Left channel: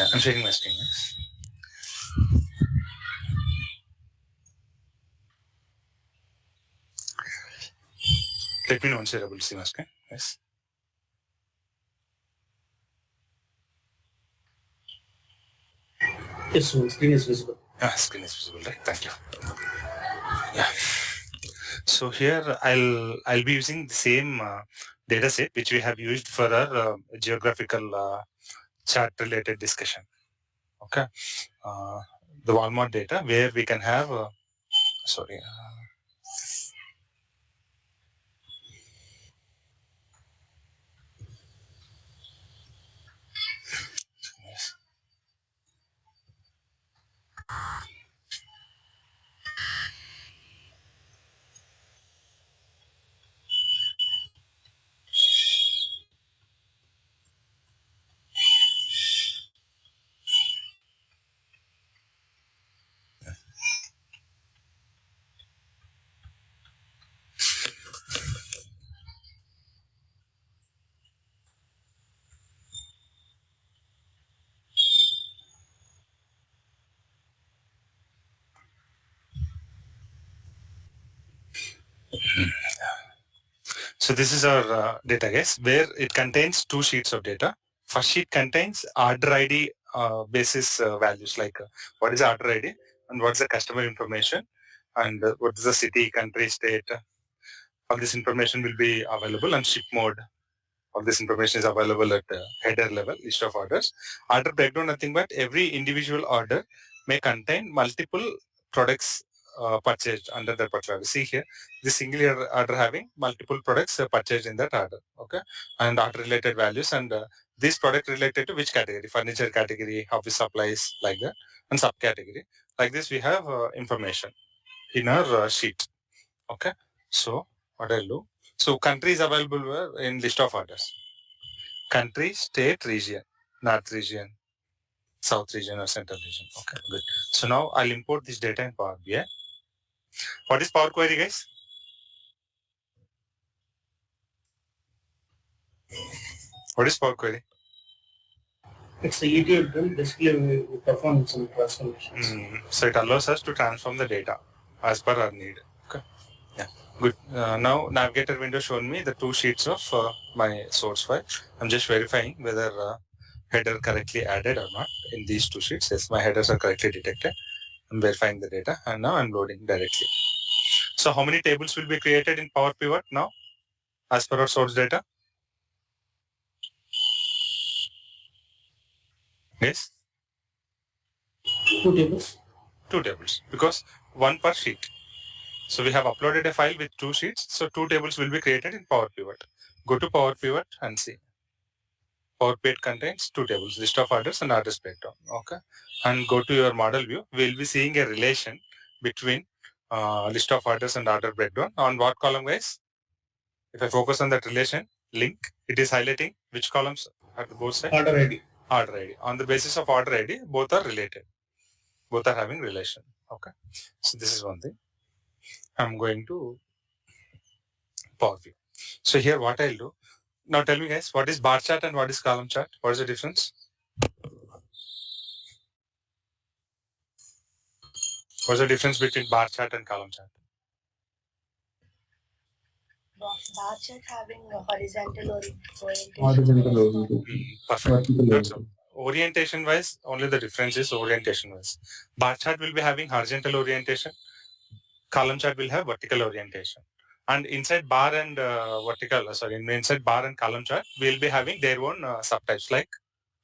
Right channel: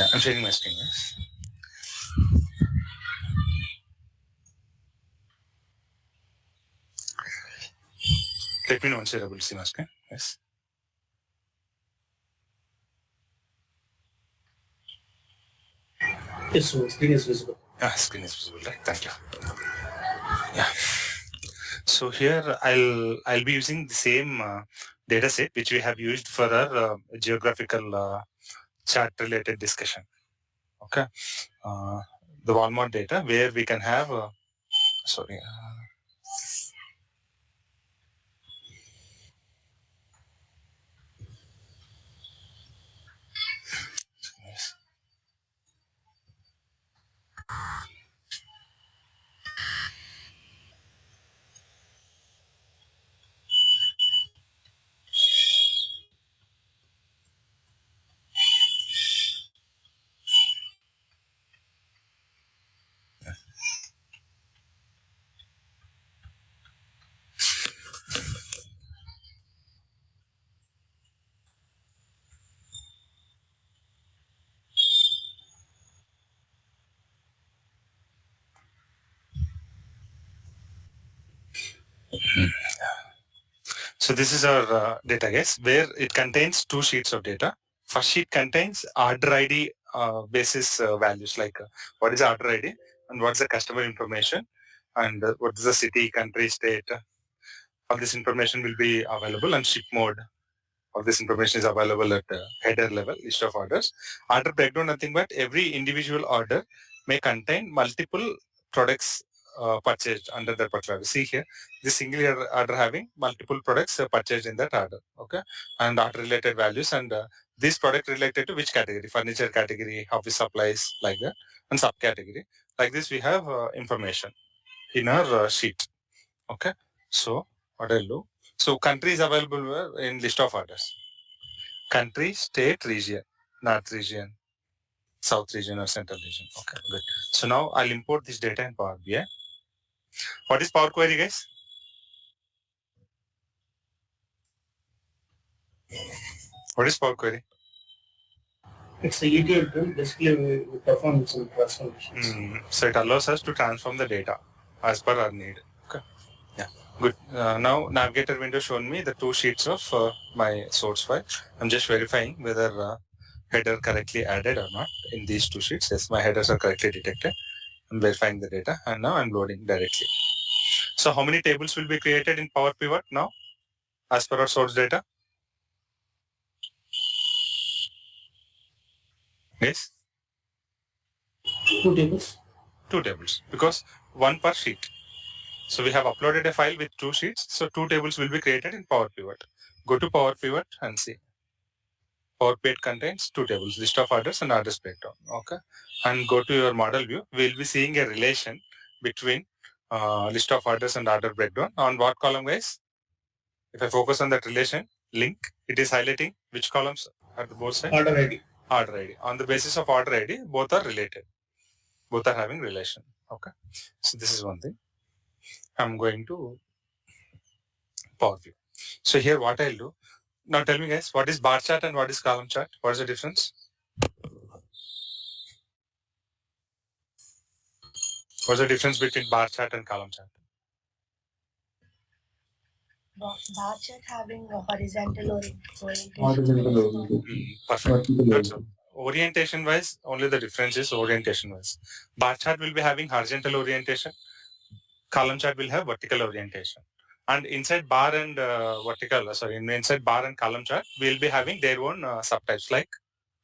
Yeah, I'm sharing my screen. Yes. Let me know once you're able to see my screen. Yes. Yes, so screen is visible. Screen is visible, right? Thank you. Yeah. So here I'll be using the same data set which we have used for our geographical chart related discussion. Okay. The Walmart data where we can have sorry. Yes. So this is our data, guys, where it contains two sheets of data. First sheet contains order ID basis values like what is order ID and what's the customer information and what is the city, country, state. All this information will be available, and ship mode. All this information is available at header level, list of orders. Order breakdown, nothing but every individual order may contain multiple products purchased under that particular. See here, this single order having multiple products purchased in that order. Okay, and order related values and this product related to which category? Furniture category, office supplies, like that, and subcategory. Like this, we have information in our sheet. Okay, so what I'll do. So country is available in list of orders. Country, state, region, north region, south region or central region. Okay, good. So now I'll import this data in Power BI. What is Power Query, guys? What is Power Query? It's the ETL tool. Basically, we perform some transformations. So it allows us to transform the data as per our need. Okay. Yeah. Good. Now Navigator window shown me the two sheets of my source file. I'm just verifying whether header correctly added or not in these two sheets. Yes, my headers are correctly detected. I'm verifying the data and now I'm loading directly. So how many tables will be created in Power Pivot now as per our source data? Yes, Two tables. two tables because one per sheet. So we have uploaded a file with two sheets. So two tables will be created in Power Pivot. Go to Power Pivot and see. Power Pivot contains two tables, list of orders and orders breakdown. Okay. And go to your model view. We'll be seeing a relation between list of orders and order breakdown. On what column, guys? If I focus on that relation, link, it is highlighting which columns are the both sides? Order ID. Order ID. On the basis of order ID, both are related. Both are having relation. Okay. So this is one thing. I'm going to Power View. So here what I'll do. Now tell me guys, what is bar chart and what is column chart? What is the difference? What's the difference between bar chart and column chart? Bar chart having a horizontal orientation. Perfect. That's all. Orientation wise, only the difference is orientation wise. Bar chart will be having horizontal orientation. Column chart will have vertical orientation. And inside bar and inside bar and column chart, we'll be having their own subtypes. Like,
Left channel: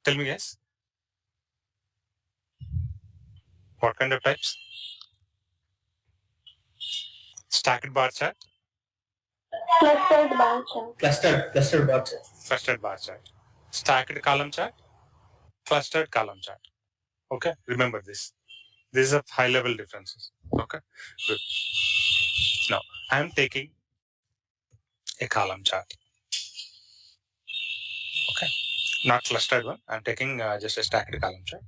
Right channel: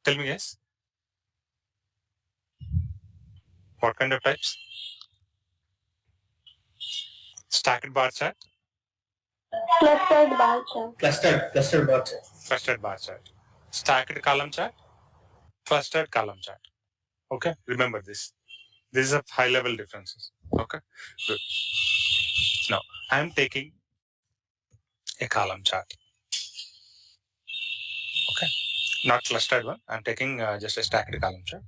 tell me guys, what kind of types? Stacked bar chart, Clustered bar chart. Clustered bar chart. clustered bar chart, stacked column chart, clustered column chart. Okay, remember this. These are high level differences. Okay, good. Now I am taking a column chart. Okay, not clustered one. I'm taking just a stacked column chart.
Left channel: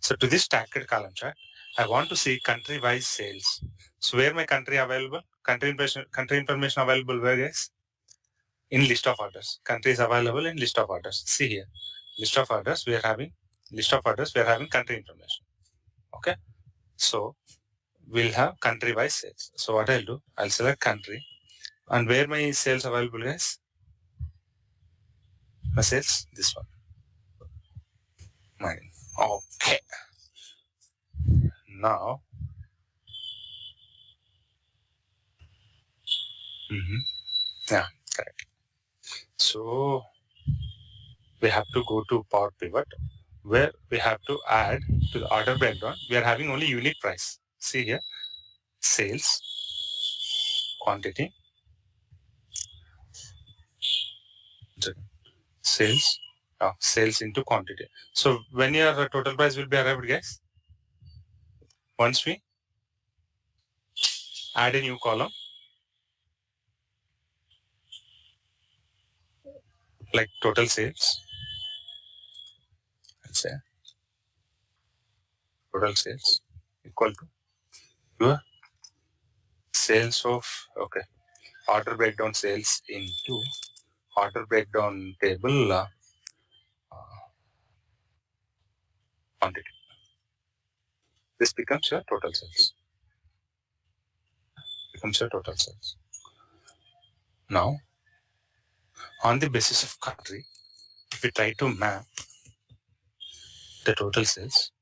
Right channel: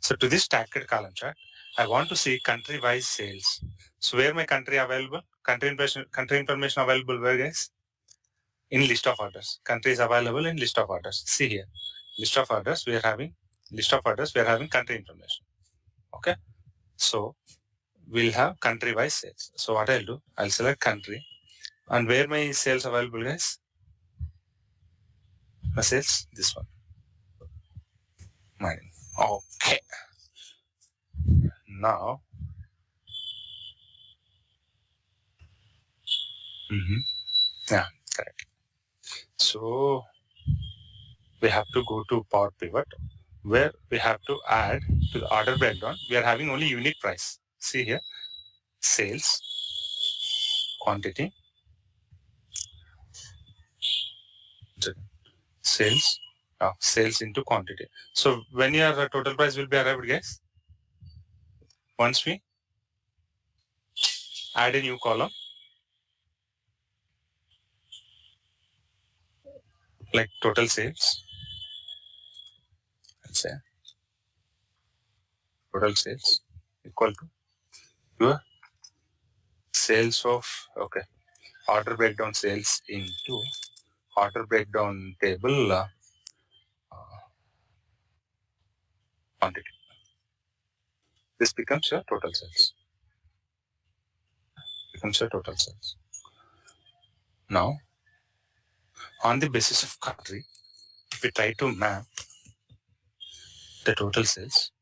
So to this stacked column chart, I want to see country wise sales. So where my country available? Country information available where, guys? In list of orders. Country is available in list of orders. See here, list of orders. We are having list of orders, we are having country information. Okay. So we'll have country wise sales. So what I'll do, I'll select country, and where my sales available, guys? My sales, this one. Mine. Okay. Now, yeah, correct. So we have to go to Power Pivot, where we have to add to the order breakdown. We are having only unit price. See here, sales, quantity, sales, sales into quantity. So when your total price will be arrived, guys? Once we add a new column, like total sales, let's say total sales equal to your sales of, okay, order breakdown sales into order breakdown table quantity. This becomes your total sales. Becomes your total sales. Now, on the basis of country, if we try to map the total sales,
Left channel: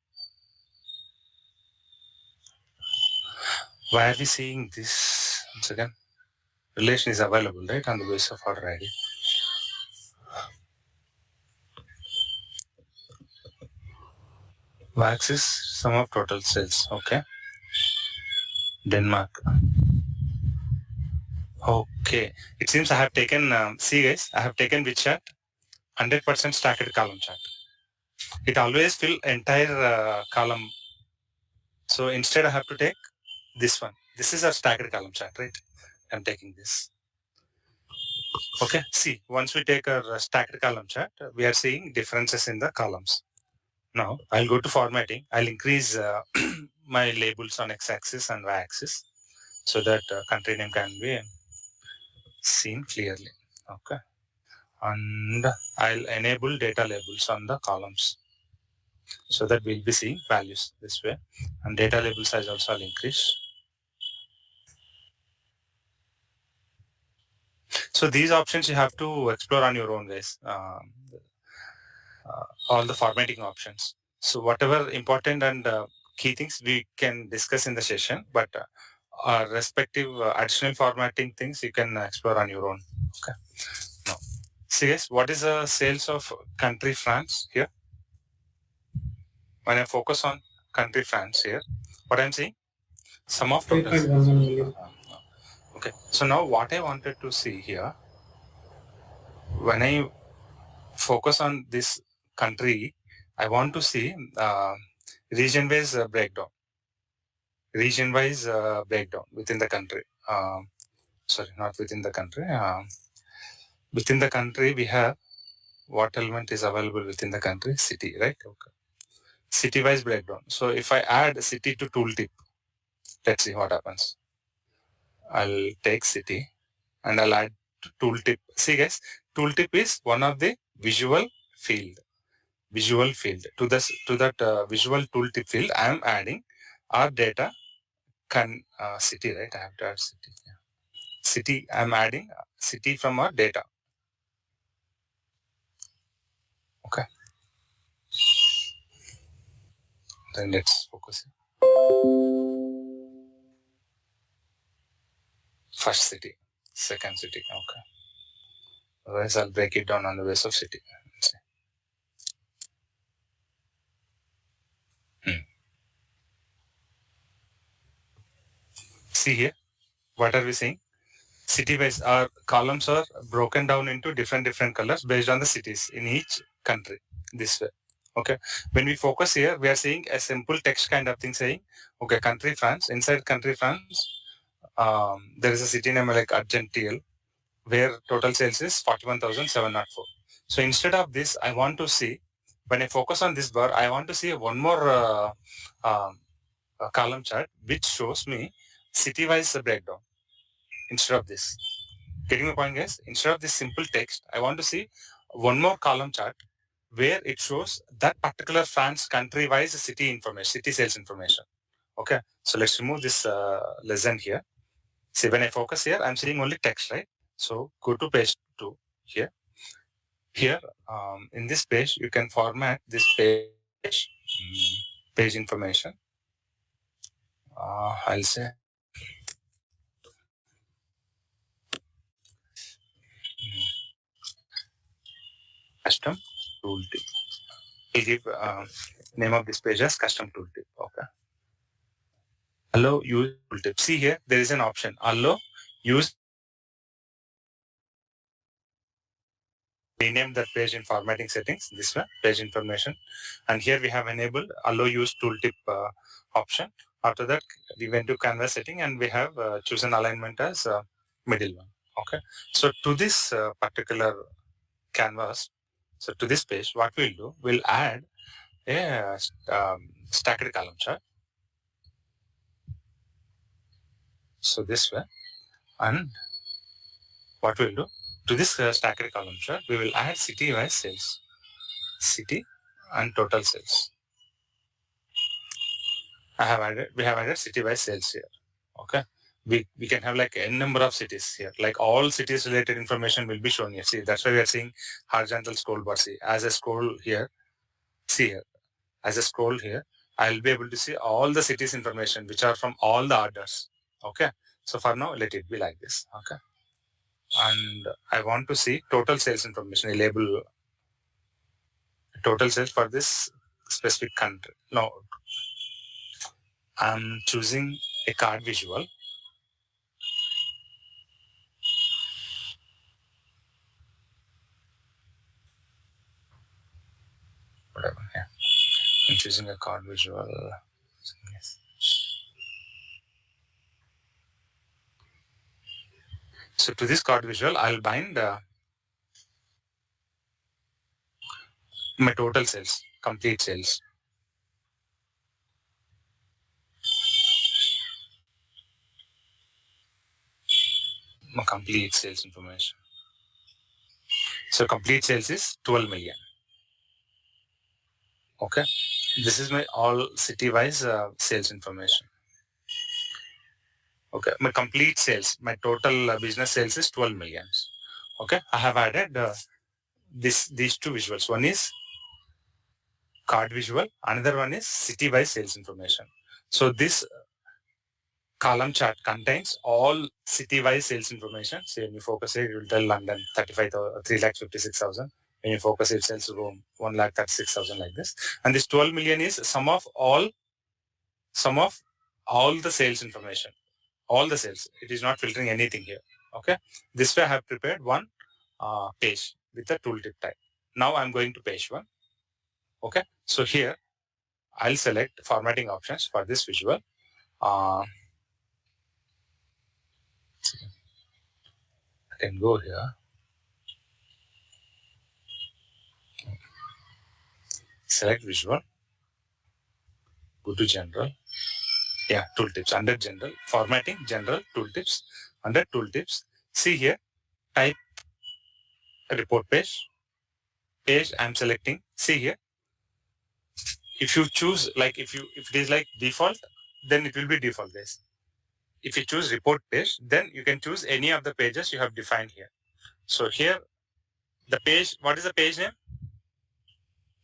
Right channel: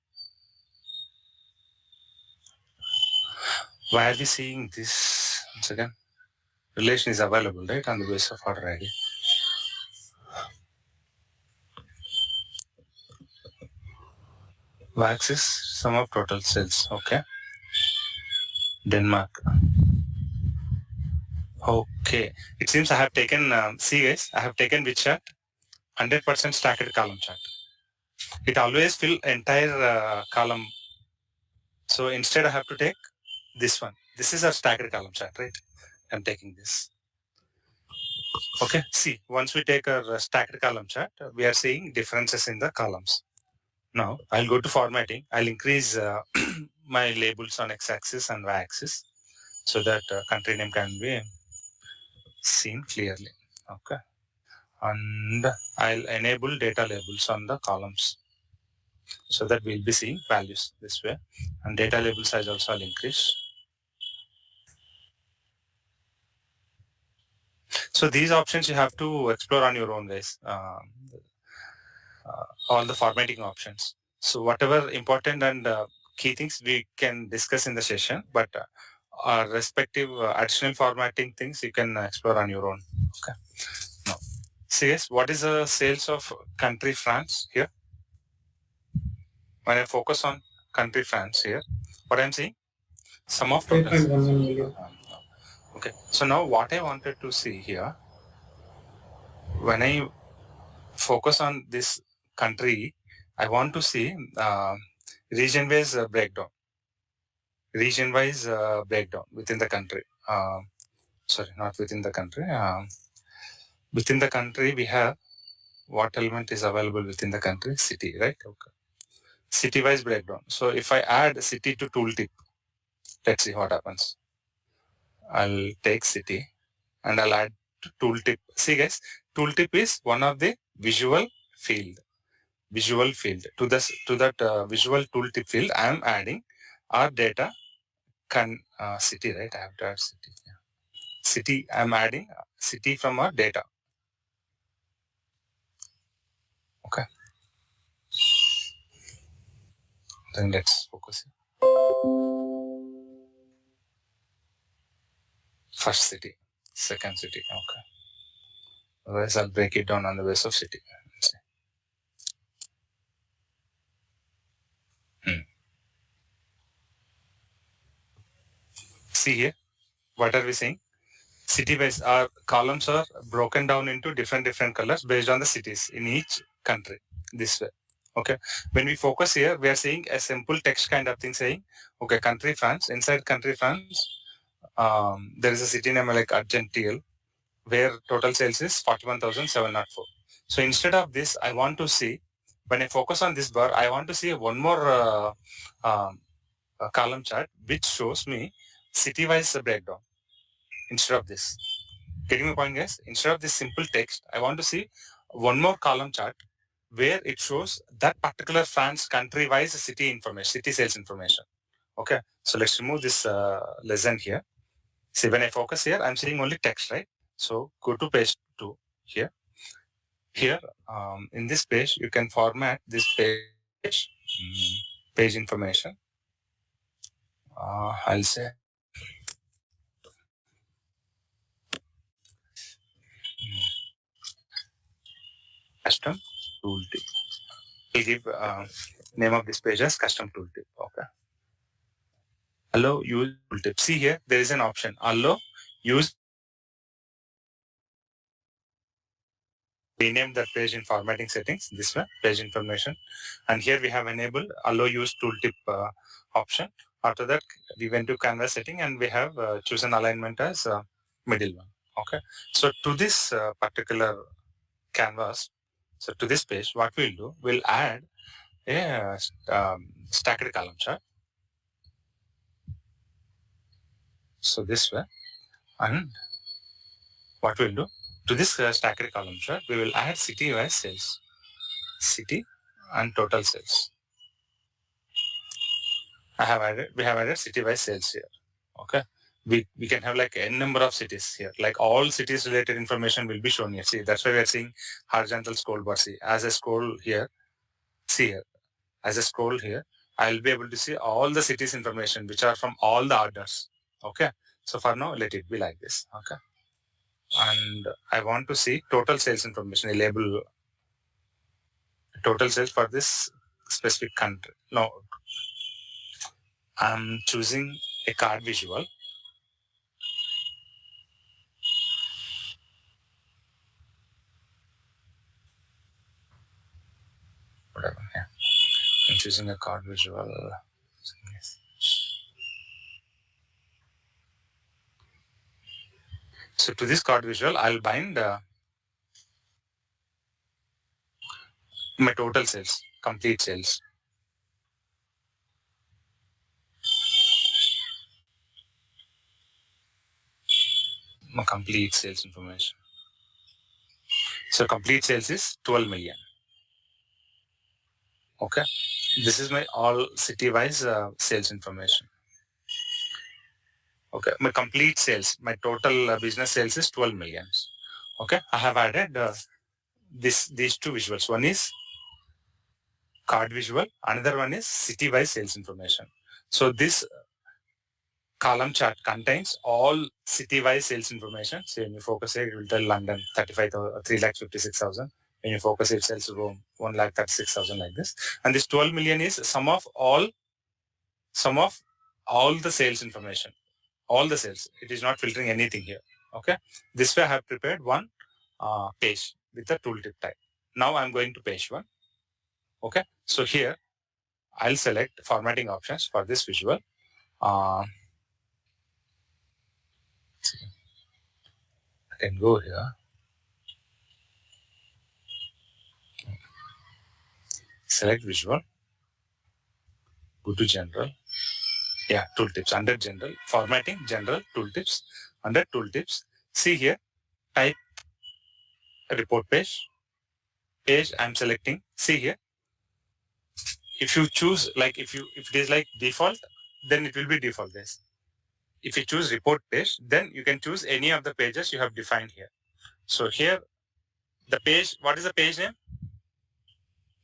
why are we seeing this? Once again, relation is available, right, on the basis of order ID. Wax is sum of total sales. Okay. Denmark. Okay. It seems I have taken, see guys, I have taken which chart? 100% stacked column chart. It always fill entire column. So instead I have to take this one. This is a stacked column chart, right? I'm taking this. Okay. See, once we take a stacked column chart, we are seeing differences in the columns. Now I'll go to formatting. I'll increase my labels on x-axis and y-axis so that country name can be seen clearly. Okay. And I'll enable data labels on the columns so that we'll be seeing values this way. And data label size also I'll increase. So these options you have to explore on your own, guys. All the formatting options. So whatever important and key things we can discuss in the session, but respective additional formatting things you can explore on your own. Okay. Now, see guys, what is the sales of country France here? When I focus on country France here, what I'm seeing? Sum of total sales. 8.11 million. Okay. So now what I wanted to see here, when I focus on this country, I want to see region-wise breakdown. Region-wise breakdown within the country. Sorry, not within the country. Within the country, we have what element is available within the country? City, right? Okay. City-wise breakdown. So if I add city to tooltip, let's see what happens. I'll take city and I'll add to tooltip. See guys, tooltip is one of the visual field. Visual field. To that visual tooltip field, I am adding our data city, right? I have to add city. Yeah. City, I'm adding city from our data. Okay. Then let's focus here. First city, second city. Okay. Otherwise, I'll break it down on the basis of city. See here, what are we saying? City-wise, our columns are broken down into different colors based on the cities in each country. This way. Okay. When we focus here, we are seeing a simple text kind of thing saying, okay, country France. Inside country France, there is a city name like Argentine, where total sales is 41,704. So instead of this, I want to see, when I focus on this bar, I want to see one more column chart which shows me city-wise breakdown instead of this. Getting my point, guys? Instead of this simple text, I want to see one more column chart where it shows that particular France country-wise city information, city sales information. Okay, so let's remove this lesson here. See, when I focus here, I'm seeing only text, right? So go to page 2 here. Here, in this page, you can format this page, page information. I'll say custom tooltip. I'll give name of this page as custom tooltip. Okay. Allow use tooltip. See here, there is an option. Allow use. Rename that page in formatting settings. This one, page information, and here we have enabled allow use tooltip option. After that, we went to canvas setting and we have chosen alignment as middle one. Okay. So to this particular canvas, so to this page, what we'll do, we'll add a stacked column chart. So this way, and what we'll do, to this stacked column chart, we will add city-wise sales, city and total sales. We have added city-wise sales here. Okay. We can have like n number of cities here. Like all cities related information will be shown here. See, that's why we are seeing horizontal scroll bar. See, as I scroll here, see here, as I scroll here, I'll be able to see all the cities information which are from all the orders. Okay. So for now, let it be like this. Okay. And I want to see total sales information. I label total sales for this specific country. No, I'm choosing a card visual. Whatever. Yeah. I'm choosing a card visual. Yes. So to this card visual, I'll bind my total sales, complete sales. My complete sales information. So complete sales is 12 million. Okay. This is my all city-wise sales information. Okay. My complete sales, my total business sales is 12 million. Okay. I have added these two visuals. One is card visual. Another one is city-wise sales information. So this column chart contains all city-wise sales information. So when you focus here, it will tell London 3,56,000. When you focus it tells Rome 1,36,000 like this. And this 12 million is sum of all the sales information. All the sales. It is not filtering anything here. Okay. This way I have prepared one page with the tooltip type. Now I'm going to page 1. Okay. So here I'll select formatting options for this visual. I can go here. Select visual. Go to general. Yeah, tooltips. Under general, formatting, general, tooltips. Under tooltips, see here, type report page. Page I'm selecting. See here. If you choose like if it is like default, then it will be default this. If you choose report page, then you can choose any of the pages you have defined here. So here, the page, what is the page name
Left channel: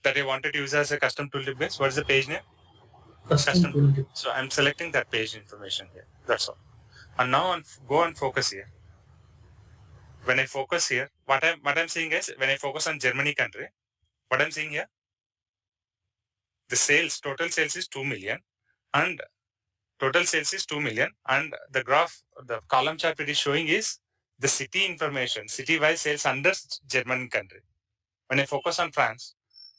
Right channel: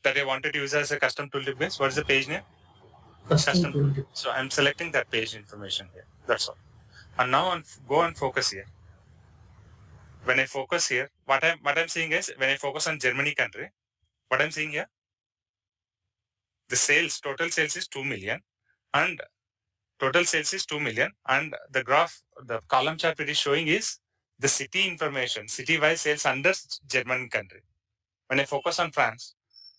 that I wanted to use as a custom tooltip base? What is the page name? Custom tooltip. So I'm selecting that page information here. That's all. And now go and focus here. When I focus here, what I'm seeing is when I focus on Germany country, what I'm seeing here, the sales, total sales is 2 million and total sales is 2 million. And the graph, the column chart it is showing is the city information, city-wise sales under German country. When I focus on France,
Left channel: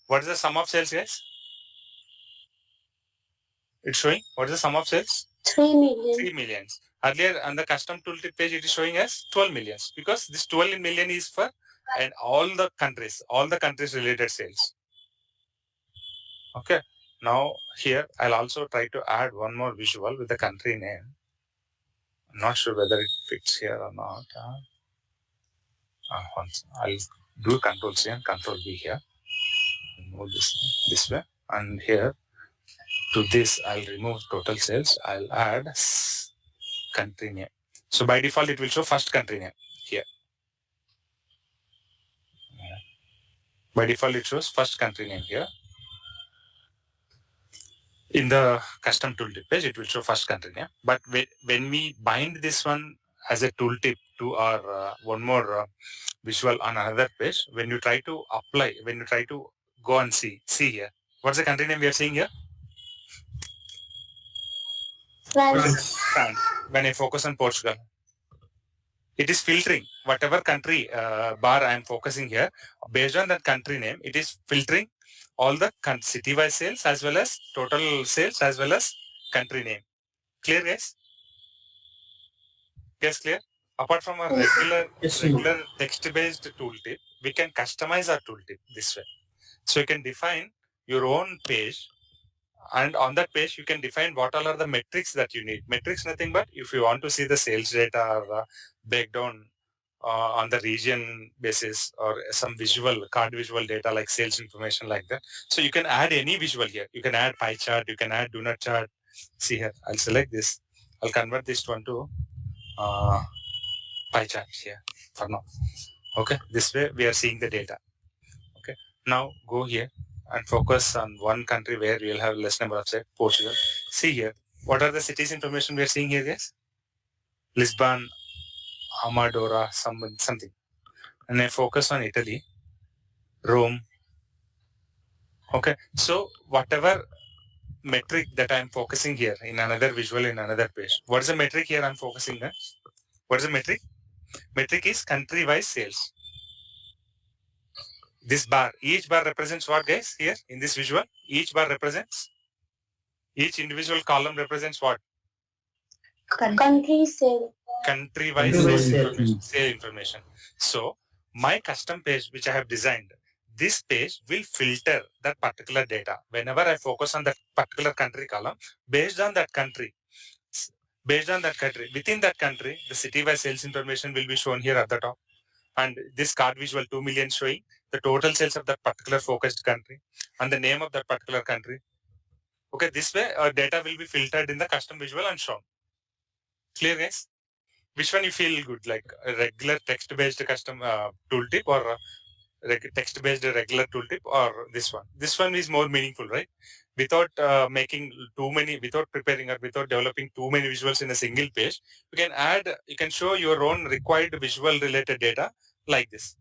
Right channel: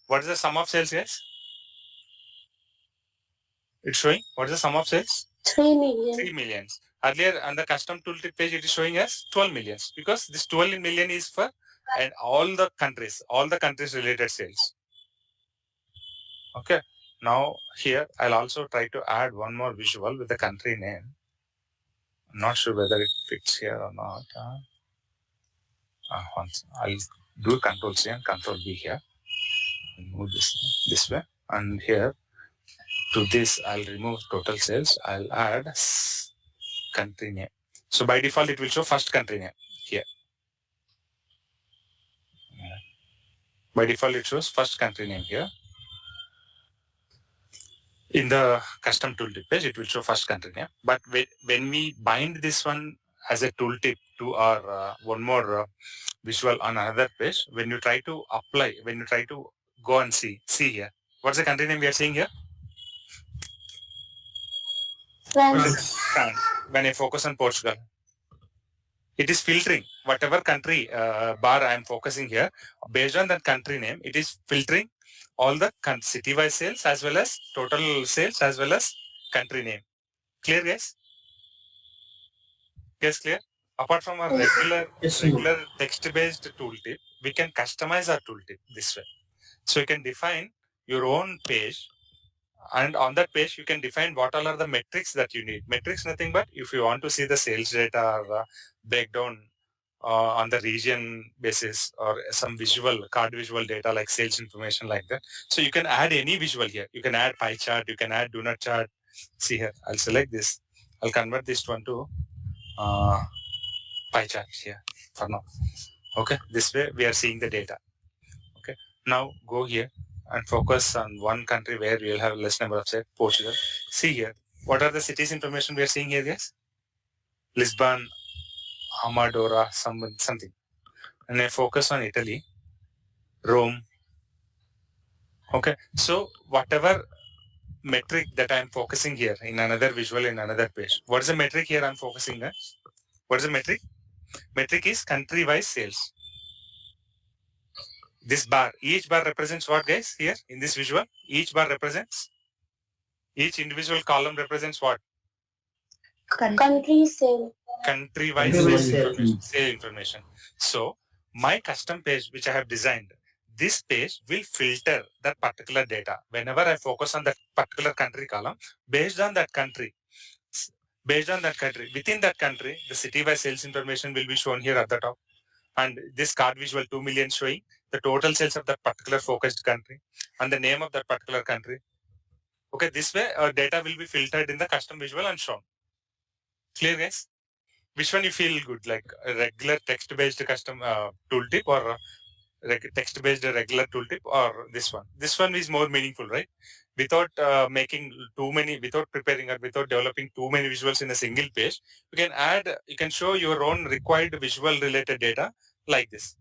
what is the sum of sales, guys? It's showing, what is the sum of sales? 3 million. 3 millions. Earlier on the custom tooltip page, it is showing us 12 millions because this 12 million is for and all the countries related sales. Okay. Now here I'll also try to add one more visual with the country name. I'm not sure whether it fits here or not. Once I'll do Control C and Control V here. move this way, and here to this I'll remove total sales. I'll add country name. So by default it will show first country name here. By default it shows first country name here. In the custom tooltip page, it will show first country name. But when we bind this one as a tooltip to our one more visual on another page, when you try to apply, when you try to go and see here, what's the country name we are seeing here? France. France. When I focus on Portugal, it is filtering whatever country bar I am focusing here. Based on that country name, it is filtering all the city-wise sales as well as total sales as well as country name. Clear, guys? Yes, clear? Apart from our regular text-based tooltip, we can customize our tooltip this way. So you can define your own page, and on that page you can define what all are the metrics that you need. Metrics nothing but if you want to see the sales data or breakdown on the region basis or some visual card visual data like sales information like that. So you can add any visual here. You can add pie chart, you can add donut chart. See here, I'll select this. I'll convert this one to pie chart here for now. Okay, this way we are seeing the data. Okay, now go here and focus on one country where you'll have less number of sales, Portugal. See here, what are the cities information we are seeing here, guys? Lisbon, Amadora, something. And I focus on Italy, Rome. Okay, so whatever metric that I'm focusing here in another visual in another page. What is the metric here I'm focusing on? What is the metric? Metric is country-wise sales. This bar, each bar represents what, guys? Here in this visual, each bar represents, each individual column represents what? Country sale. Country-wise sale information. So my custom page, which I have designed, this page will filter that particular data. Whenever I focus on that particular country column, based on that country, within that country, the city-wise sales information will be shown here at the top. And this card visual 2 million showing the total sales of that particular focused country and the name of that particular country. Okay, this way data will be filtered in the custom visual and shown. Clear, guys? Which one you feel good, like a regular text-based custom tooltip or text-based regular tooltip, or this one? This one is more meaningful, right? Without making too many, without preparing or without developing too many visuals in a single page, you can show your own required visual related data like this.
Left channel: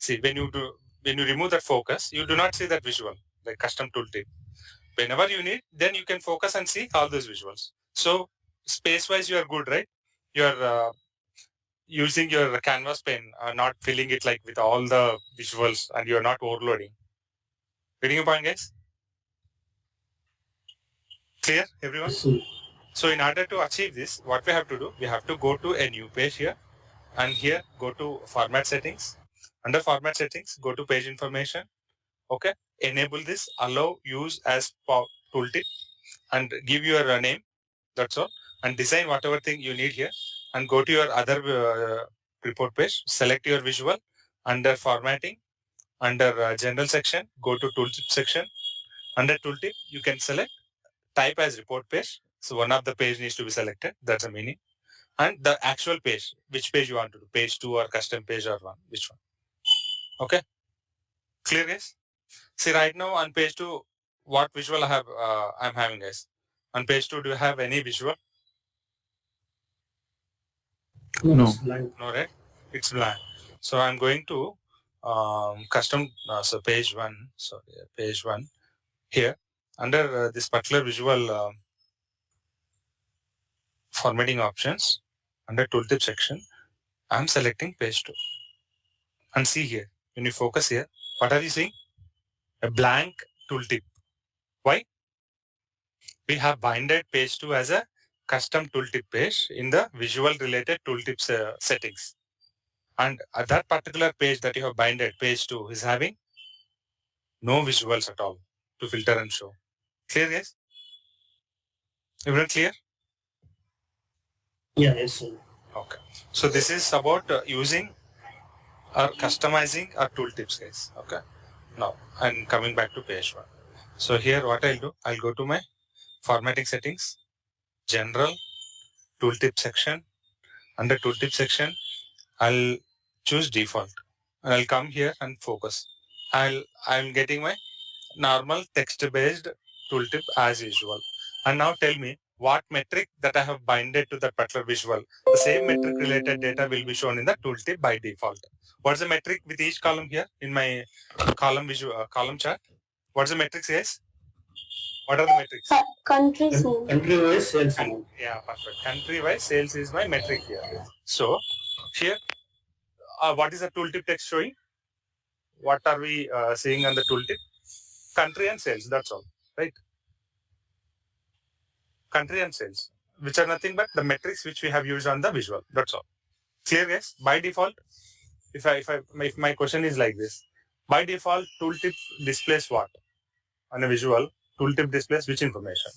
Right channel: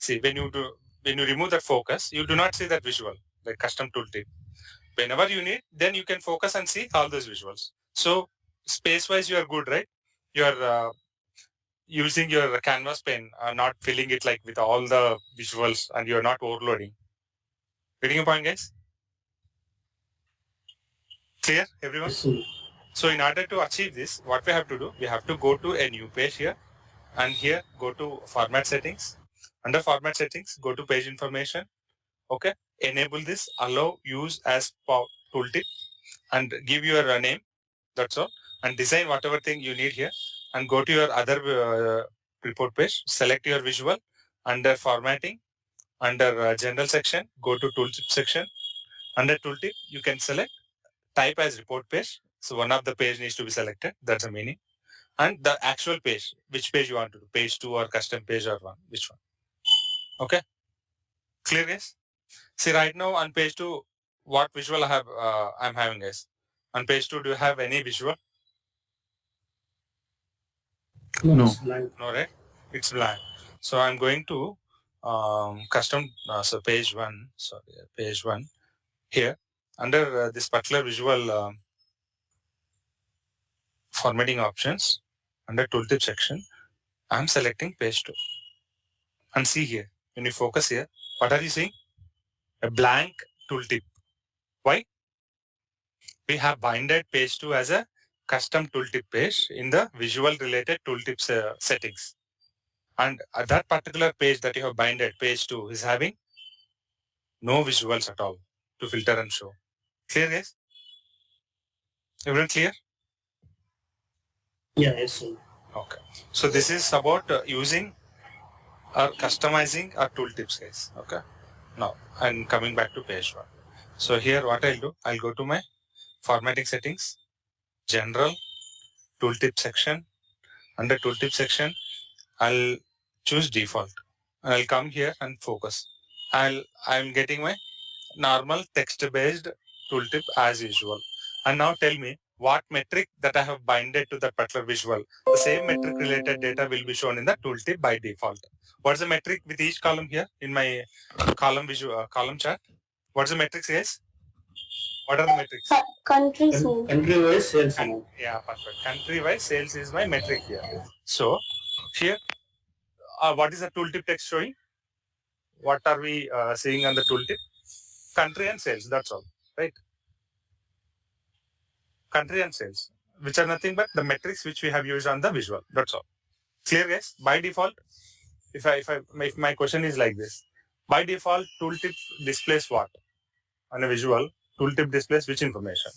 See, when you remove that focus, you do not see that visual, like custom tooltip. Whenever you need, then you can focus and see all those visuals. So space-wise, you are good, right? You are using your canvas pen, not filling it like with all the visuals, and you are not overloading. Getting a point, guys? Clear, everyone? So in order to achieve this, what we have to do, we have to go to a new page here, and here go to format settings. Under format settings, go to page information. Okay, enable this, allow use as tooltip, and give your name. That's all, and design whatever thing you need here, and go to your other report page. Select your visual under formatting, under general section. Go to tooltip section. Under tooltip, you can select type as report page. So one of the page needs to be selected. That's the meaning. And the actual page, which page you want to do, page 2 or custom page or one, which one? Okay, clear, guys? See, right now on page 2, what visual I'm having, guys? On page 2, do you have any visual? No. No, right? It's blank. So I'm going to custom, so page 1, page 1 here. Under this particular visual formatting options, under tooltip section, I'm selecting page 2. And see here, when you focus here, what are you seeing? A blank tooltip. Why? We have binded page 2 as a custom tooltip page in the visual related tooltips settings. And that particular page that you have binded, page 2, is having no visuals at all to filter and show. Clear, guys? Everyone clear? Yeah, yes, sir. Okay. So this is about using or customizing our tooltips, guys. Okay. Now I'm coming back to page 1. So here what I'll do, I'll go to my formatting settings, general, tooltip section. Under tooltip section, I'll choose default and I'll come here and focus. I'm getting my normal text-based tooltip as usual. And now tell me what metric that I have binded to that particular visual. The same metric related data will be shown in the tooltip by default. What's the metric with each column here in my column chart? What's the metrics, guys? What are the metrics? Country Country-wise sales amount. Yeah, perfect. Country-wise sales is my metric here. So here, what is the tooltip text showing? What are we seeing on the tooltip? Country and sales. That's all, right? Country and sales, which are nothing but the metrics which we have used on the visual. That's all. Clear, guys? By default, if my question is like this, by default, tooltip displays what on a visual? Tooltip displays which information?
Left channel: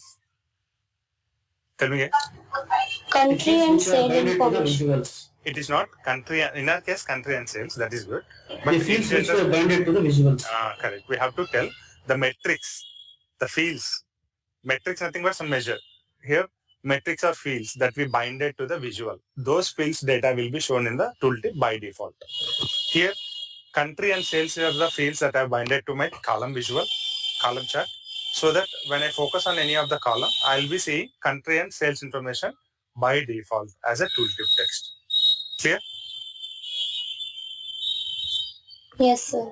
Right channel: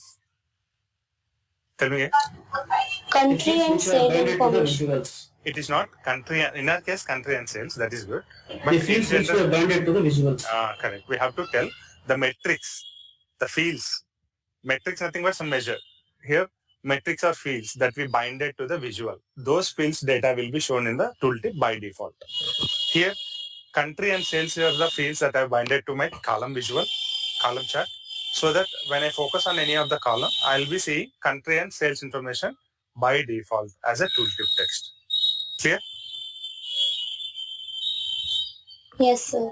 Tell me, guys. Country and sale information. Visuals. It is not country. In our case, country and sales. That is good. But the fields which were binded to the visuals. Correct. We have to tell the metrics, the fields. Metrics nothing but some measure. Here, metrics are fields that we binded to the visual. Those fields data will be shown in the tooltip by default. Here, country and sales are the fields that I have binded to my column visual, column chart, so that when I focus on any of the column, I'll be seeing country and sales information by default as a tooltip text. Clear? Yes, sir.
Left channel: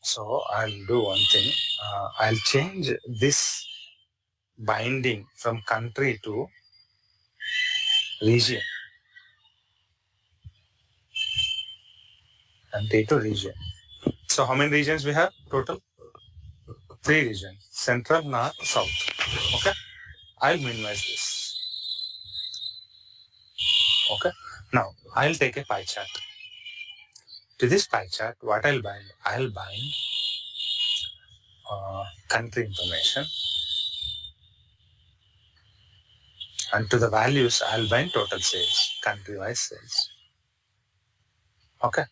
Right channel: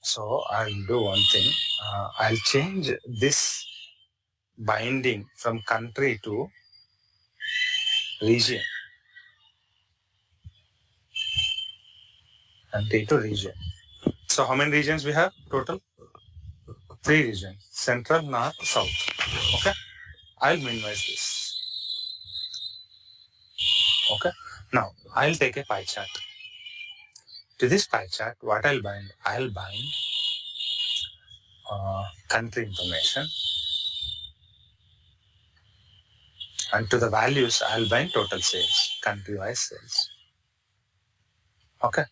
So I'll do one thing. I'll change this binding from country to region. Country to region. So how many regions we have total? 3 regions. Central, North, South. Okay. I'll minimize this. Okay. Now I'll take a pie chart. To this pie chart, what I'll bind? I'll bind country information. And to the values, I'll bind total sales, country-wise sales. Okay.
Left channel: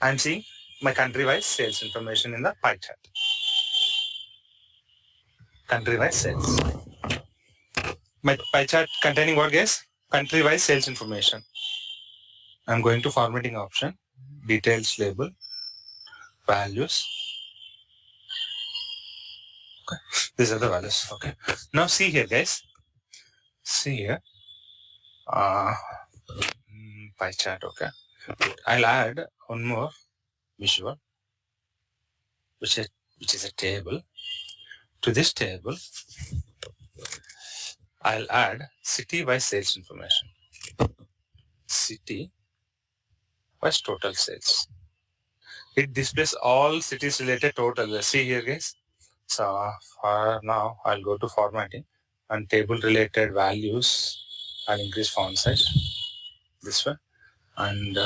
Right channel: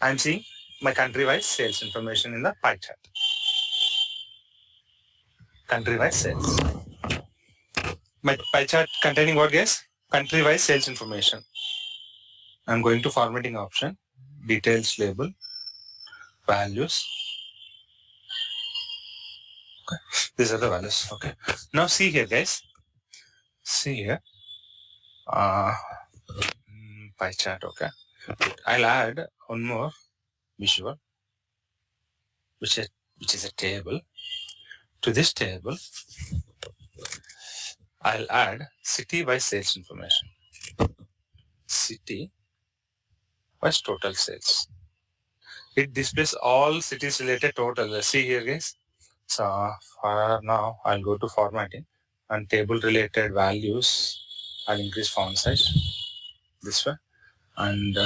I'm seeing my country-wise sales information in the pie chart. Country-wise sales. My pie chart containing what, guys? Country-wise sales information. I'm going to formatting option, details label, values. Okay. These are the values. Okay. Now see here, guys. See here. Pie chart. Okay. I'll add one more visual, which is a table. To this table, I'll add city-wise sales information. City-wise total sales. It displays all cities related total. See here, guys. So for now, I'll go to formatting and table related values. I'll increase font size. This one. And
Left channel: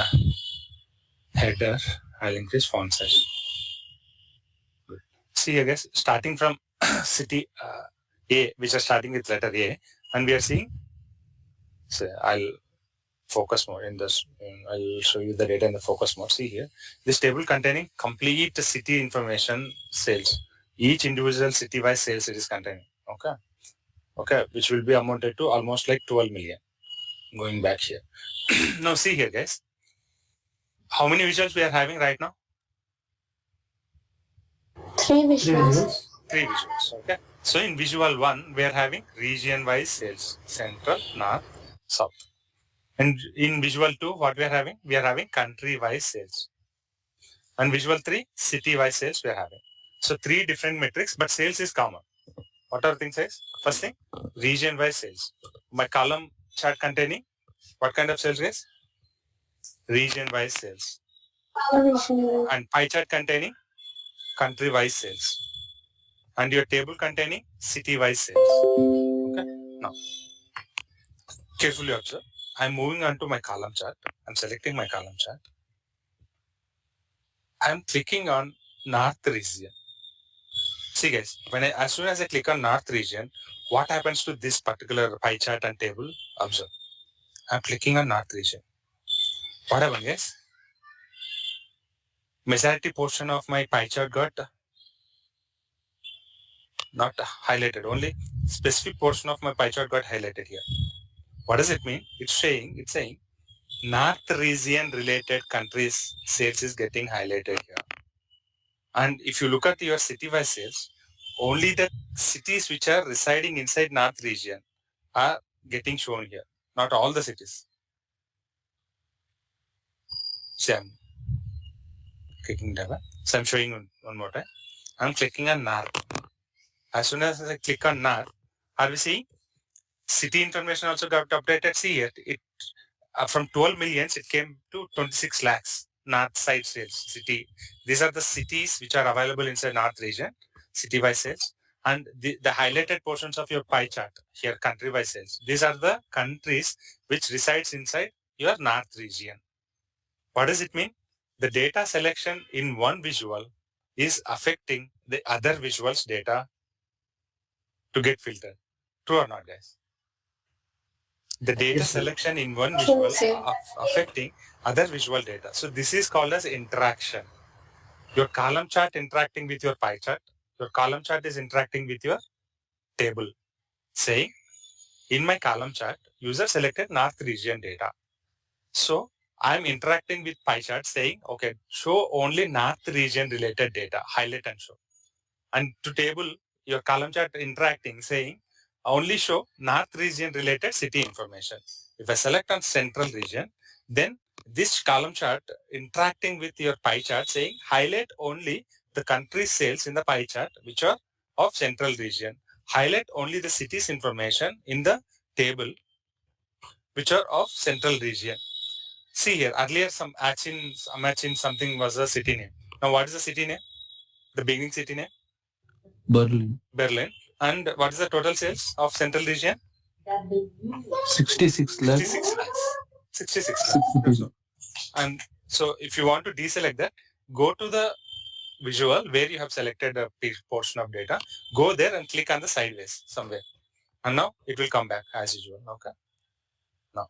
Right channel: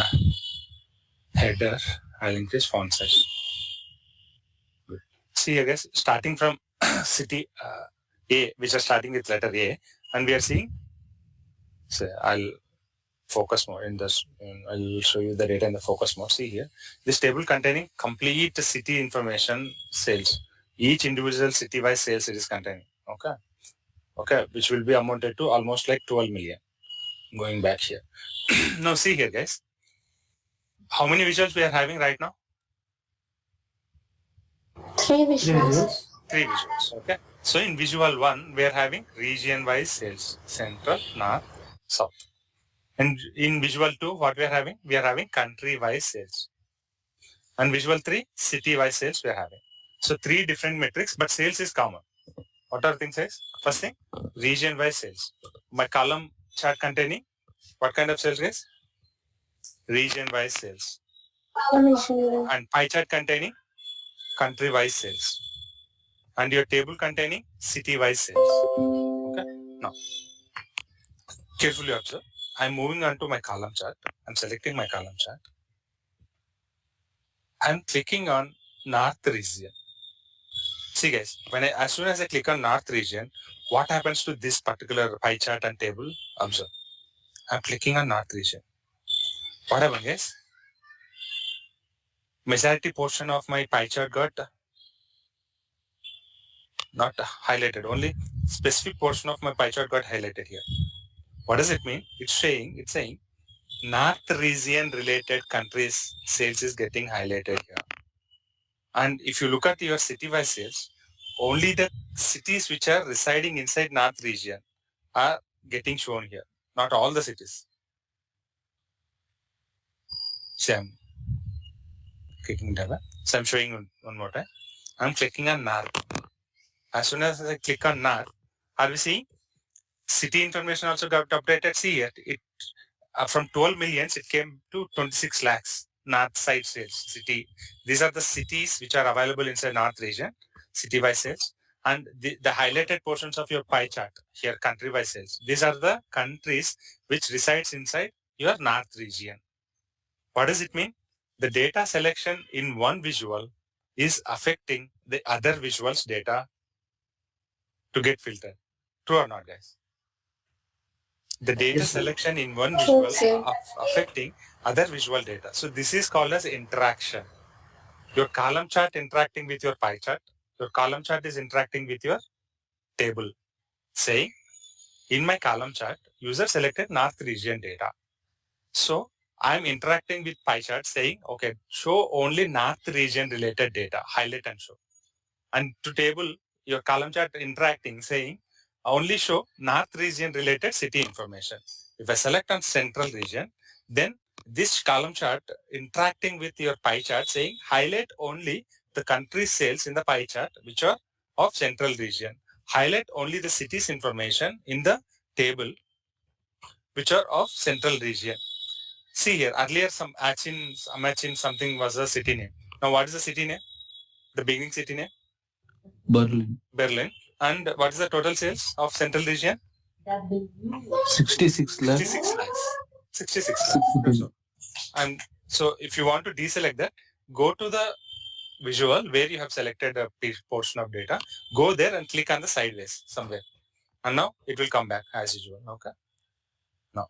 header, I'll increase font size. Good. See here, guys. Starting from city A, which are starting with letter A, and we are seeing. So I'll focus mode in this. I'll show you the data in the focus mode. See here, this table containing complete city information sales. Each individual city-wise sales it is containing. Okay. Okay, which will be amounted to almost like 12 million. Going back here. Now see here, guys. How many visuals we are having right now? 3 visuals. 3 visuals. Okay. So in visual 1, we are having region-wise sales. Central, North, South. And in visual 2, what we are having? We are having country-wise sales. And visual 3, city-wise sales we are having. So 3 different metrics, but sales is common. What are things guys? First thing, region-wise sales. My column chart containing what kind of sales, guys? Region-wise sales. And pie chart containing country-wise sales. And your table containing city-wise sales. Okay. Now, carefully observe. I'm moving on to my column chart. I'm selecting my column chart. I'm clicking on North region. See guys, as soon as I click on North region, what happens to this particular pie chart and table? Observe. I'm clicking on North region. What happened, guys? majority portion of my pie chart got not highlighted. Only specific portion of my pie chart got highlighted here. What does it mean? It's saying North region related countries sales is getting highlighted here. And if you look at your city-wise sales, only the cities which are residing inside North region are getting shown here. Not all the cities. So I'm clicking that. So I'm showing one more time. I'm clicking on North. As soon as I click on North, are we seeing city information also got updated? See here, it from 12 millions, it came to 26 lakhs. North side sales city. These are the cities which are available inside North region, city-wise sales. And the highlighted portions of your pie chart here, country-wise sales. These are the countries which resides inside your North region. What does it mean? The data selection in one visual is affecting the other visuals data to get filtered. True or not, guys? The data Yes, sir. selection in one visual affecting other visual data. So this is called as interaction. Your column chart interacting with your pie chart. Your column chart is interacting with your table. Saying, in my column chart, user selected North region data. So I'm interacting with pie chart saying, okay, show only North region related data, highlight and show. And to table, your column chart interacting saying, only show North region related city information. If I select on central region, then this column chart interacting with your pie chart saying, highlight only the country sales in the pie chart, which are of central region. Highlight only the cities information in the table, which are of central region. See here, earlier some matching something was a city name. Now what is the city name? The beginning city name? Berlin. And what is the total sales of central region? 66 lakhs. 66 lakhs. 66 lakhs. And so if you want to deselect that, go to the visual where you have selected a portion of data, go there and click on the sideways somewhere. And now it will come back as usual. Okay. Now,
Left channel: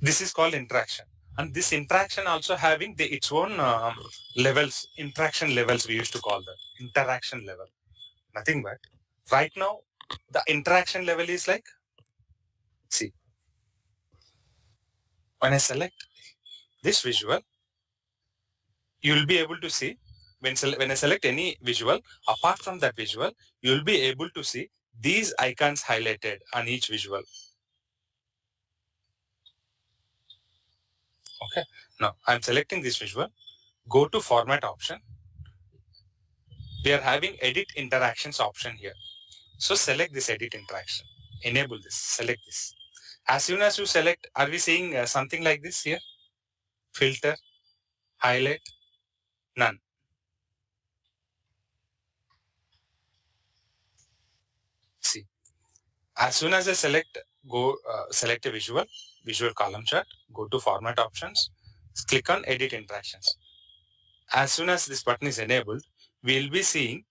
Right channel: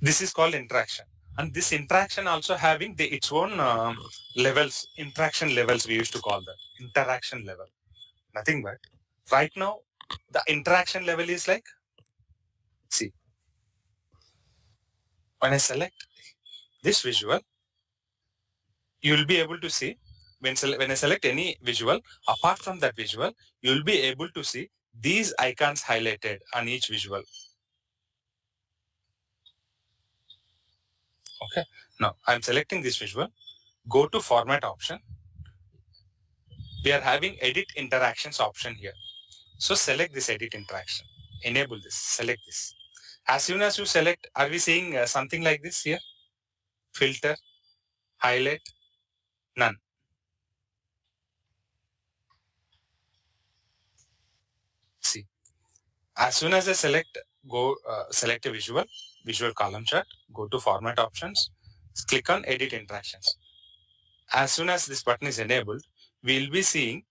this is called interaction. And this interaction also having its own levels, interaction levels we used to call that. Interaction level. Nothing but right now, the interaction level is like, see, when I select this visual, you will be able to see when I select any visual, apart from that visual, you will be able to see these icons highlighted on each visual. Okay. Now I'm selecting this visual, go to format option. We are having edit interactions option here. So select this edit interaction, enable this, select this. As soon as you select, are we seeing something like this here? Filter, highlight, none. See, as soon as I select, select a visual column chart, go to format options, click on edit interactions. As soon as this button is enabled, we'll be seeing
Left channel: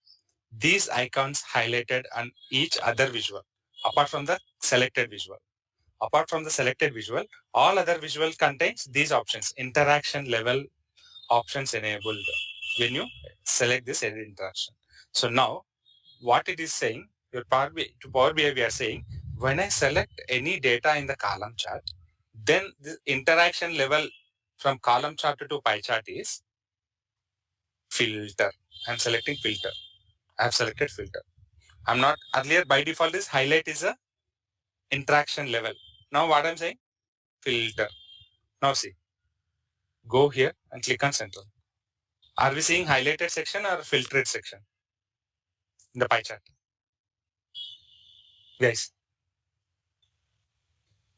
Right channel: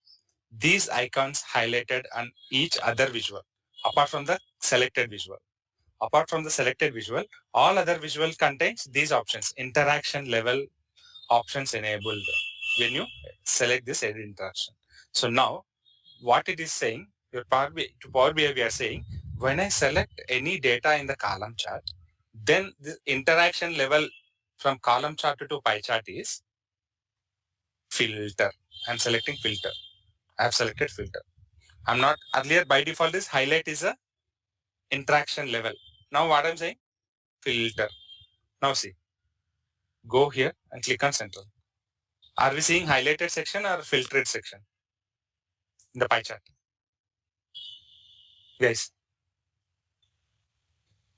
these icons highlighted on each other visual, apart from the selected visual. Apart from the selected visual, all other visual contains these options, interaction level options enabled when you select this edit interaction. So now what it is saying, to Power BI we are saying, when I select any data in the column chart, then the interaction level from column chart to pie chart is filter. I'm selecting filter. I have selected filter. I'm not, earlier by default is highlight is a interaction level. Now what I'm saying, filter. Now see, go here and click on central. Are we seeing highlighted section or filtered section in the pie chart? Guys,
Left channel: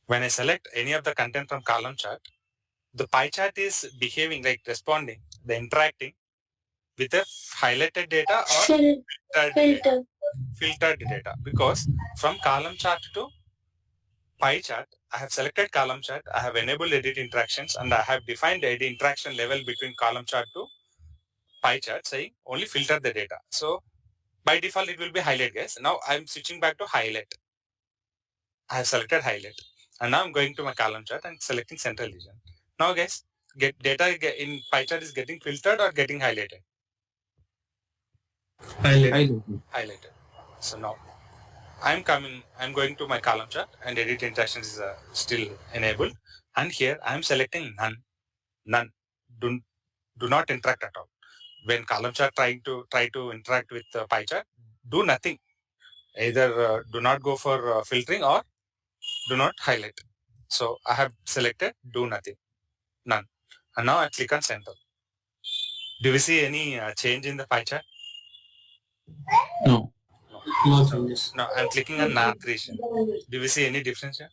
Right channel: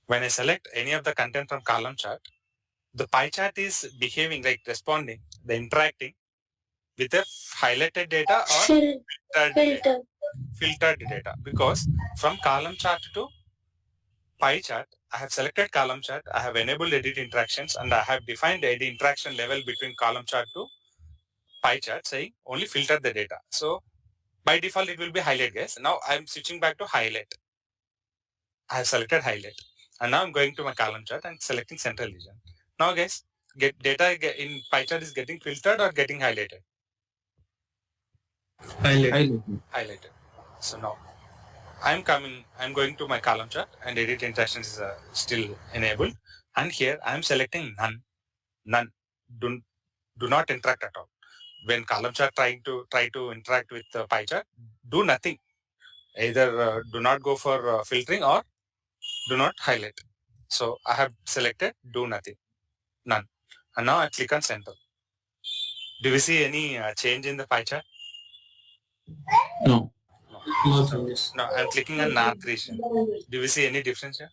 when I select any of the content from column chart, the pie chart is behaving like responding, the interacting with a highlighted data or filtered data, because from column chart to pie chart, I have selected column chart, I have enabled edit interactions, and I have defined the edit interaction level between column chart to pie chart saying only filter the data. So by default, it will be highlight, guys. Now I'm switching back to highlight. I have selected highlight. And now I'm going to my column chart and selecting central region. Now guys, in pie chart is getting filtered or getting highlighted? Highlighted. So now I'm going to my column chart and edit interactions is still enabled. And here I'm selecting none. None. Do not interact at all. When column chart try to interact with pie chart, do nothing. Either do not go for filtering or do not highlight. So I have selected do nothing, none. And now I click on center. Do we see any change in the pie chart? No. No. No So, changes. no, I'm clicking on north region. Do we see any difference here?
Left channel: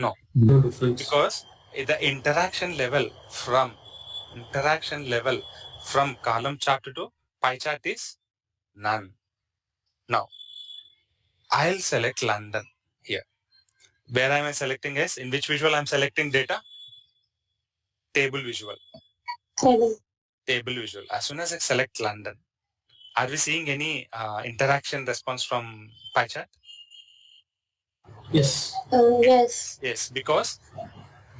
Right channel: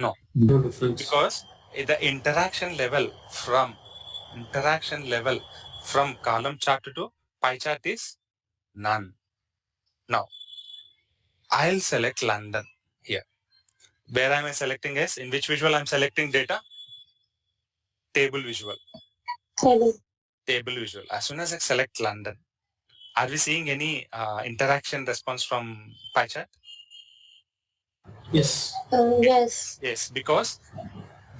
No. No difference. Because the interaction level from column chart to pie chart is none. Now, I'll select London here. Where am I selecting is? In which visual I'm selecting data? Table visual. Table visual. As soon as I select London, are we seeing any interaction response from pie chart? Yes. Yes. Yes, because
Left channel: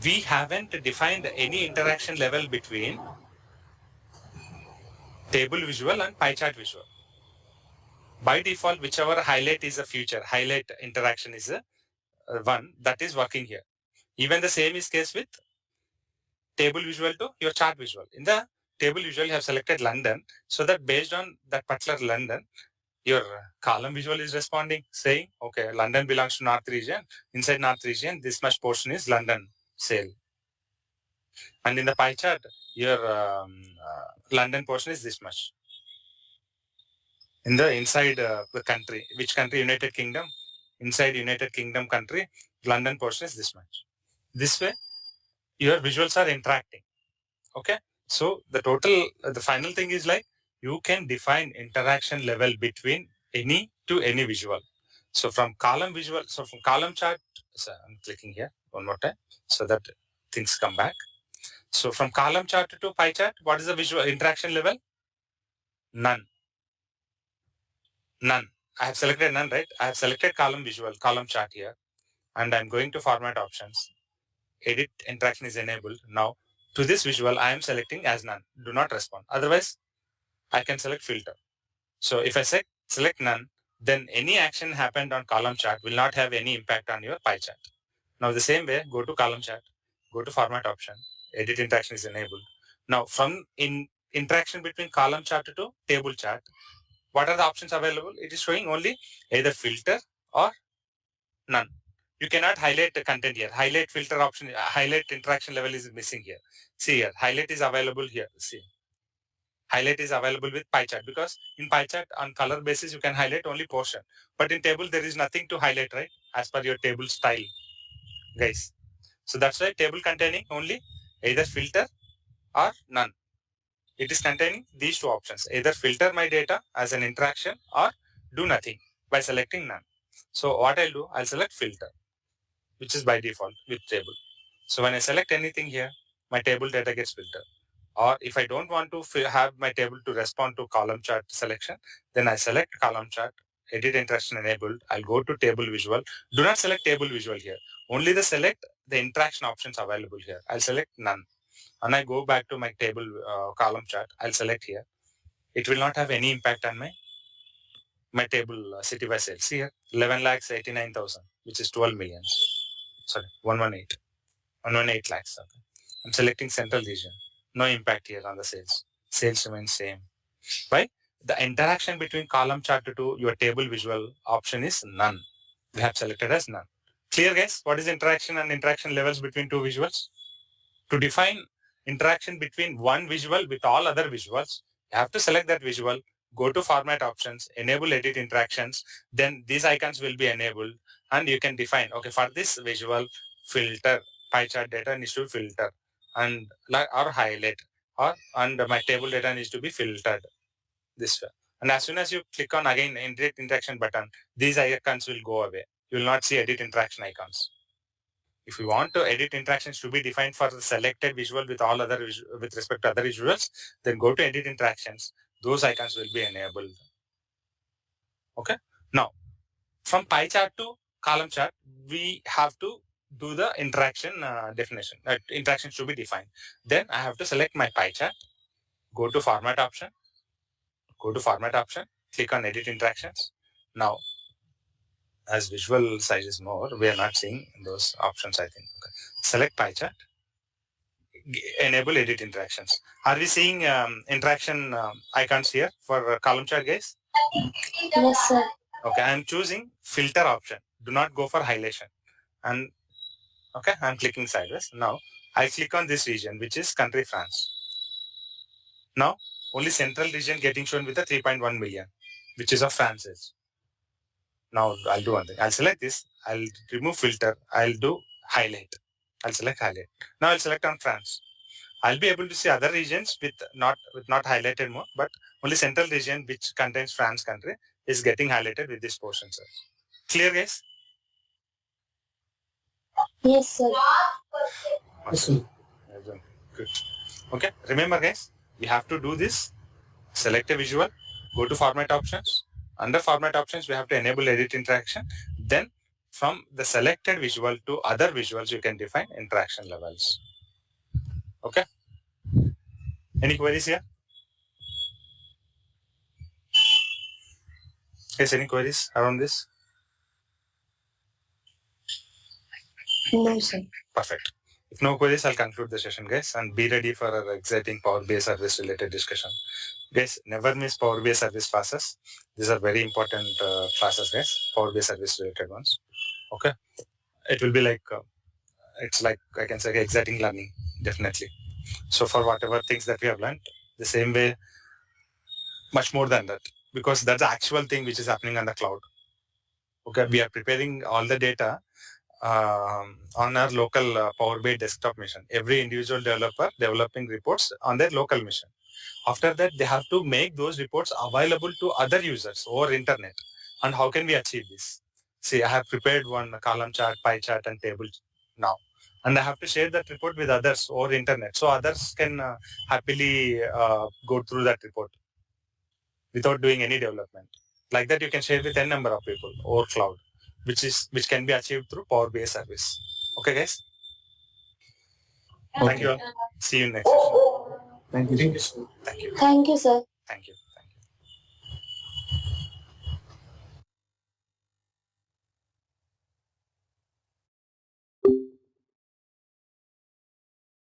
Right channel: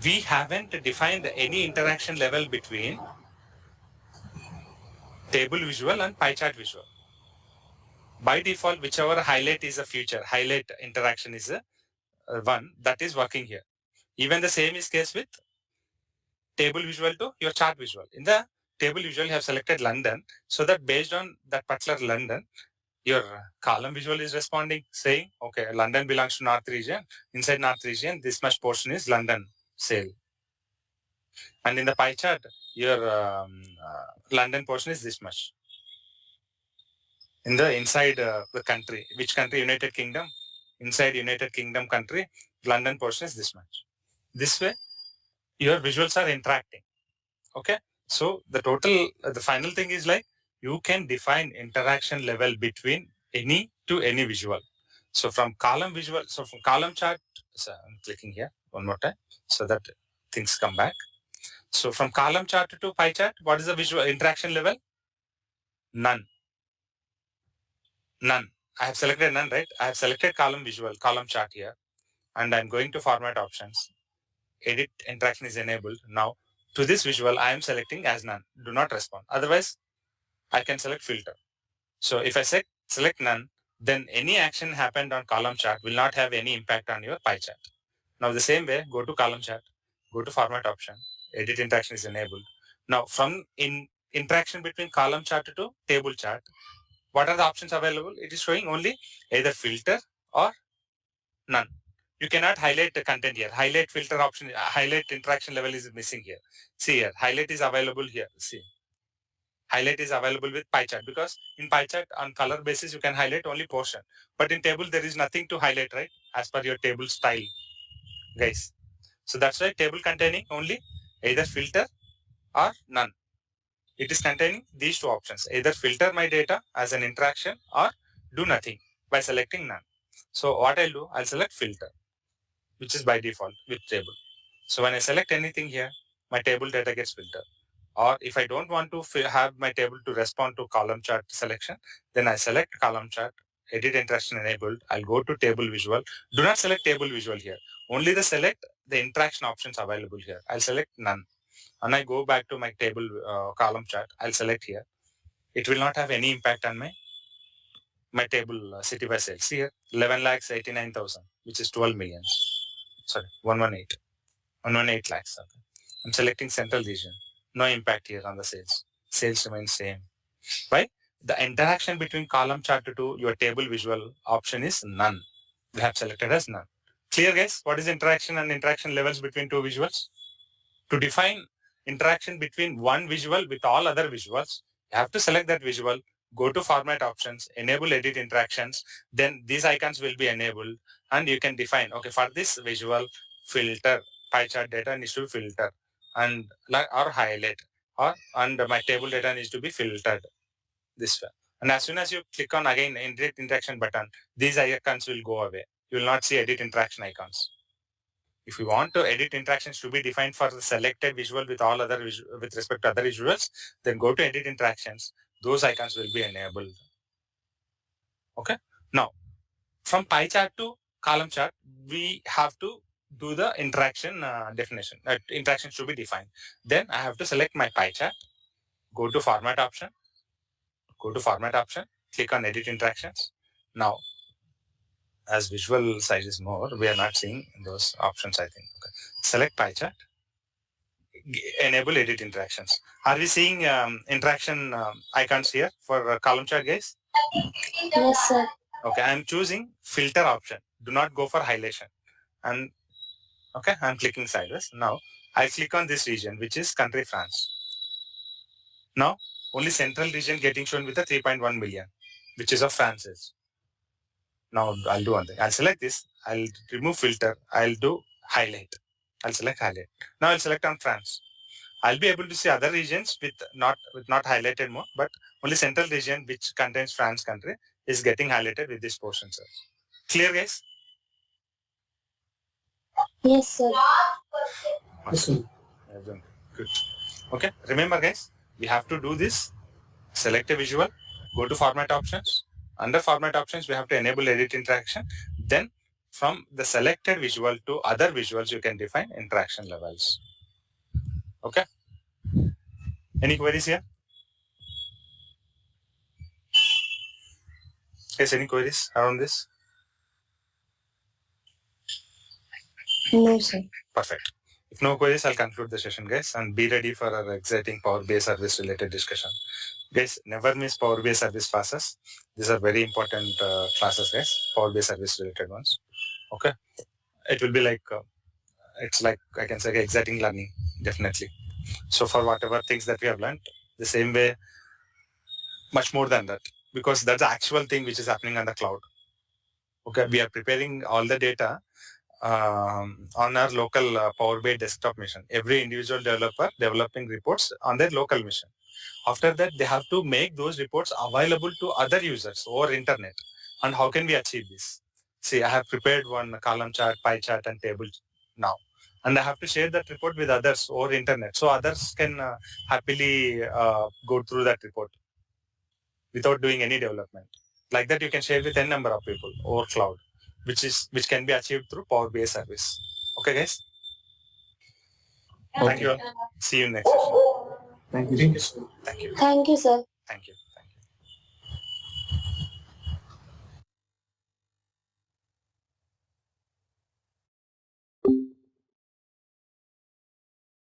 we haven't defined any interaction level between table visual and pie chart visual. By default, whichever highlight is a future, highlight interaction is a one that is working here. Even the same is case with table visual to your chart visual. In the table visual, you have selected London, so that based on that particular London, your column visual is responding, saying, okay, London belongs to North region. Inside North region, this much portion is London sale. And in the pie chart, your London portion is this much. In the inside the country, which country? United Kingdom. Inside United Kingdom country, London portion is this much. This way, your visuals are interacting. Okay. So the total, the final thing is like you can define interaction level between any to any visual. So from column visual, so from column chart, so I'm clicking here one more time so that things come back. So from column chart to pie chart, what is the visual interaction level? None. None. I have selected none, right? I have selected column visual, column chart here, and I'm going to format options. Edit interaction is enabled. Now to this visual, I am selecting as none. Do not respond. Otherwise, I can select filter. So if I select none, then any action happened on column chart will not have any impact on your pie chart. Now the same way, go to column chart, go to format option, edit interaction is enabled. Now from interaction between column chart to table chart, what are the options available? It is showing only either filter or none. You cannot highlight the content here. Highlight filter option, highlight interaction level is missing here. See here, highlight is available here. See, highlight is available with pie chart because in pie chart on color basis you can highlight only portion, but in table there is nothing to highlight, right? As per your table style, guys. So that's why table containing only either filter or none. It is containing these two options, either filter my data as an interaction or do nothing by selecting none. So what I'll do, I'll select filter, which is by default with table. So when I select anything here, my table data gets filtered. Or if I don't want to have my table to respond to column chart selection, then I select column chart, edit interaction enabled. I'll go to table visual. Do not select table visual here. Only select the interaction options available here. I'll select none. And I go back to my table column chart. I'll select here. It will not have any impact on my table city by sales. See here, 11,89,000, which is 12 million. Sorry, 118 lakhs. Okay. I'm selecting central region. No impact here on the sales. Sales remains same. Why? The interaction between column chart to your table visual option is none. We have selected as none. Clear, guys? What is interaction and interaction levels between two visuals? To define interaction between one visual with all other visuals, you have to select that visual, go to format options, enable edit interactions, then these icons will be enabled and you can define, okay, for this visual, filter, pie chart data needs to filter and or highlight and my table data needs to be filtered this way. And as soon as you click on again edit interaction button, these icons will go away. You will not see edit interaction icons. If you want to edit interactions to be defined for the selected visual with all other with respect to other visuals, then go to edit interactions. Those icons will be enabled. Okay. Now, from pie chart to column chart, we have to do the interaction definition. Interaction should be defined. Then I have to select my pie chart, go to format option, click on edit interactions. Now, as visual size is more, we are not seeing those options, I think. Okay. Select pie chart, enable edit interactions. Are we seeing interaction icons here for column chart, guys? Yes, sir. Okay, I'm choosing filter option. Do not go for highlightation. And okay, I'm clicking sideways. Now, I click on this region, which is country France. Now, only central region getting shown with the 3.1 million, which is of France. Now, I'll do one thing. I'll select this. I'll remove filter. I'll do highlight. I'll select highlight. Now, I'll select on France. I'll be able to see other regions with not highlighted more, but only central region, which contains France country, is getting highlighted with this portion, sir. Clear, guys? Yes, sir. Awesome. Good. Okay. Remember, guys, we have to do this. Select a visual. Go to format options. Under format options, we have to enable edit interaction. Then from the selected visual to other visuals, you can define interaction levels. Okay. Any queries here? Yes, any queries around this? No, sir. Perfect. If no queries, I'll conclude the session, guys, and be ready for our exciting Power BI service related discussion. Guys, never miss Power BI service classes. These are very important classes, guys. Power BI service related ones. Okay. It will be like, it's like, I can say, exciting learning, definitely. So for whatever things that we have learned, the same way, much more than that, because that's the actual thing which is happening on the cloud. Okay. We are preparing all the data on our local Power BI desktop machine. Every individual developer developing reports on their local machine. After that, they have to make those reports available to other users over internet. And how can we achieve this? See, I have prepared one column chart, pie chart, and table now. And I have to share that report with others over internet. So others can happily go through that report without doing any development. Like that, you can share with n number of people over cloud, which can be achieved through Power BI service. Okay, guys? Thank you all. See you next session. Thank you. Thank you. Thank you, sir. Thank you.